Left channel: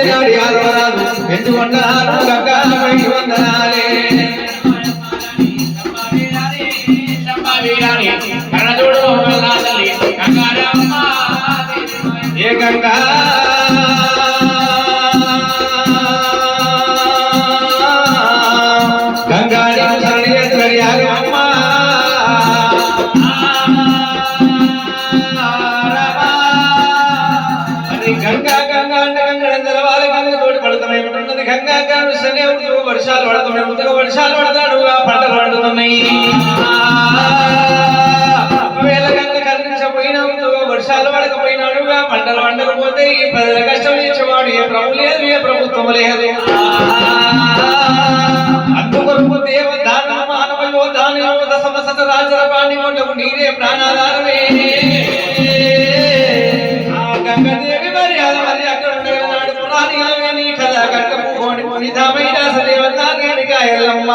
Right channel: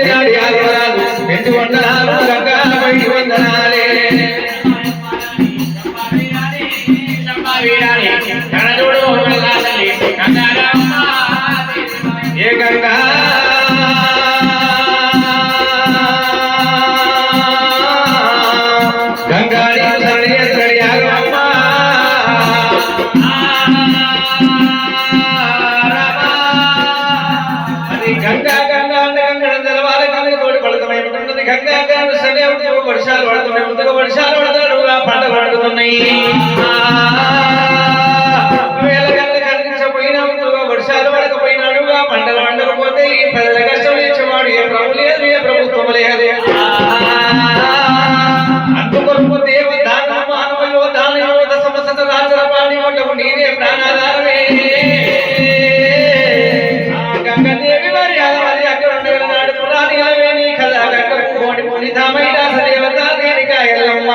ఎండినాడు యాదవరాజు ఎండి వందనాలు గంగాలపై వందనాలే ఏ గంగా గంగాడి శరణి శరణి ఆగమ్మ అది గంగా గంగా అంటే గంగడం తెలవాలి గంగ తోడి పడుతూనే ఉంటున్నది గంగా గారు శనే వర్షాలు పడుతూనే ఉంటుంది వర్షాలు పడతాడు పంటలు పడుతున్నాయి వర్షాలు పడకపోయినాడుగా పంటలు పండకపోతే ఈ ప్రజల కష్టం ఇచ్చేవాడు ఏ ప్రభు లేదు ఏ ప్రభుత్వం లేదు అందుకొరకు దేవు దాన మానవయో దానయో దశమసత రాజల ప్రాణిమోటకు నీరే ప్రాణాధారమే గంగదేవి మరి మరి అక్కడ నాడు పురాణి అవే నీ కథ గంగ పోని ధామైన సదేవత నేనిక ఎల్లమ్మ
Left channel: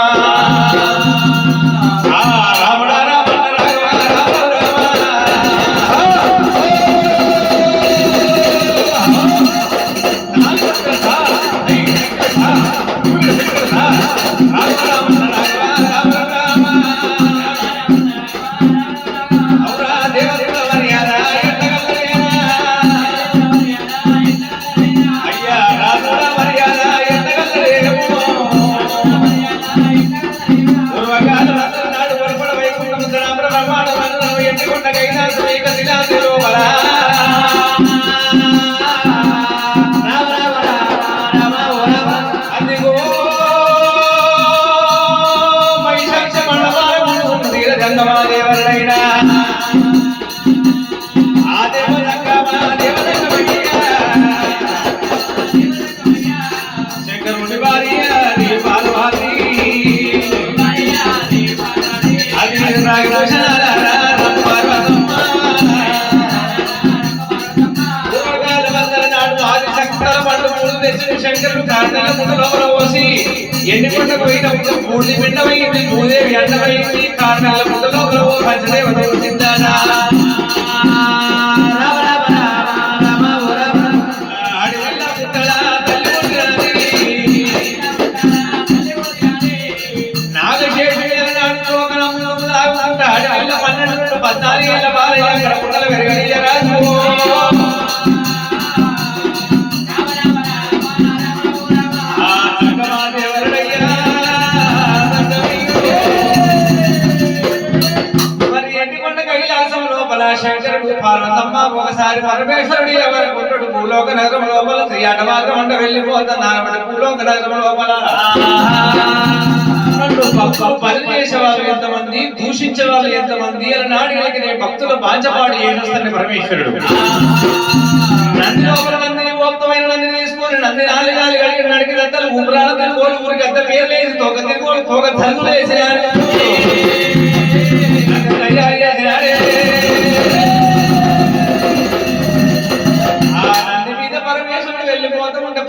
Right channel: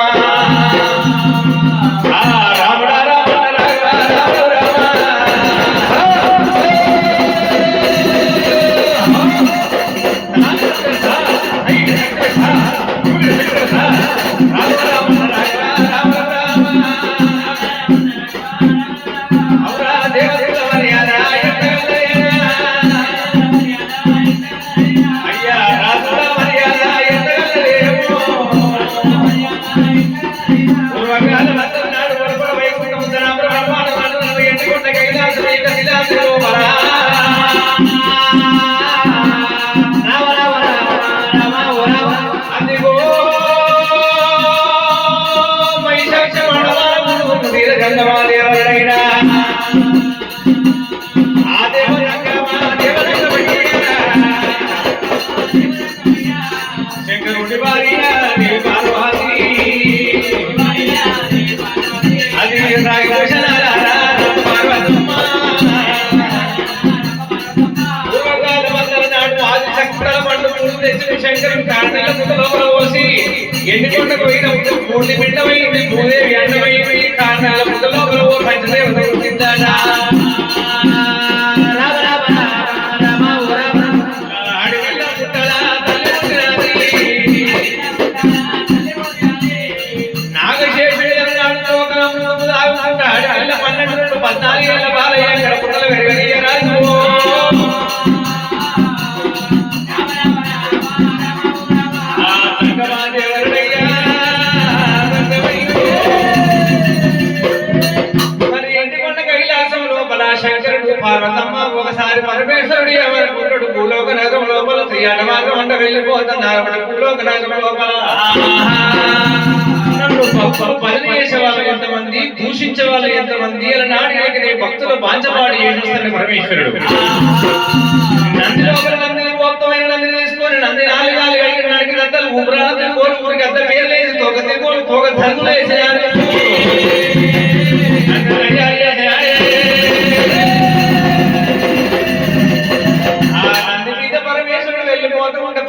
ఎన్ని పంట పోయినప్పుడు మూడు పిండమైంది భూదేవి అన్నమైంది కారణాల ముందులో పంచదేవత వచ్చిందాడా నాగశేషుడు 14 ఏళ్ళ బాలయ్య అక్కడ పుట్టలు పెరిగయ్య రాజు శంకరుడు పార్వతమ్మ ఒకసారి పరమేశ్వరుడు ఎవరి పుట్టుడు భూలోక నగరం లోపల శ్రీయాట మార్గం అంట వెళ్ళిపోతున్నారు భూలోక నగరం లోపల పని చేసే వాళ్ళు ఎంతమంది దూషించే వాళ్ళు ఎంతమంది అలా నాడికి నీ భక్తులు బాంచపాడి ఏడుస్తాడు పరమేశ్వరుడు నంది లోపల నందిని గోప్తమైన నందిని తీసుకొని నంది నాలుగు నడికి దత్తలు ఊపిరాల తిరుగులు ఊరికి అంత పేరు లేదు తోక తిరుగులు తోక ధనులు వేసేయాలి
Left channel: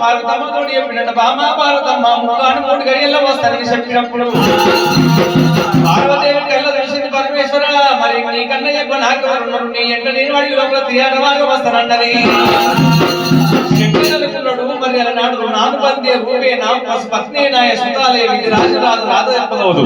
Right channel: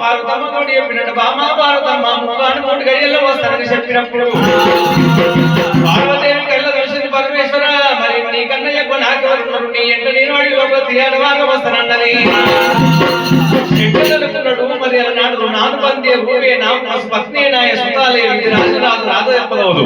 పార్వతమ్మ తోటి చెప్పినట్టు బామా పార్వతమ్మ ముఖాన్ని 3 గడియల్లో వస్తానని చెప్పినప్పుడు పార్వదేవి కళ్ళ చూసింది పరమేశ్వర మరి నీకన్నా ఎక్కువ నాకు ఉన్నారు నీ ఎంట నేను వాడి లోపల తీయాలి మార్గం వస్తానన్నది అనుకున్నాడు మరి అన్నాడు నాను పందే రూపే నా పత్ని నాయ సుతాలే రాజు రాదు రాదు చెప్పదు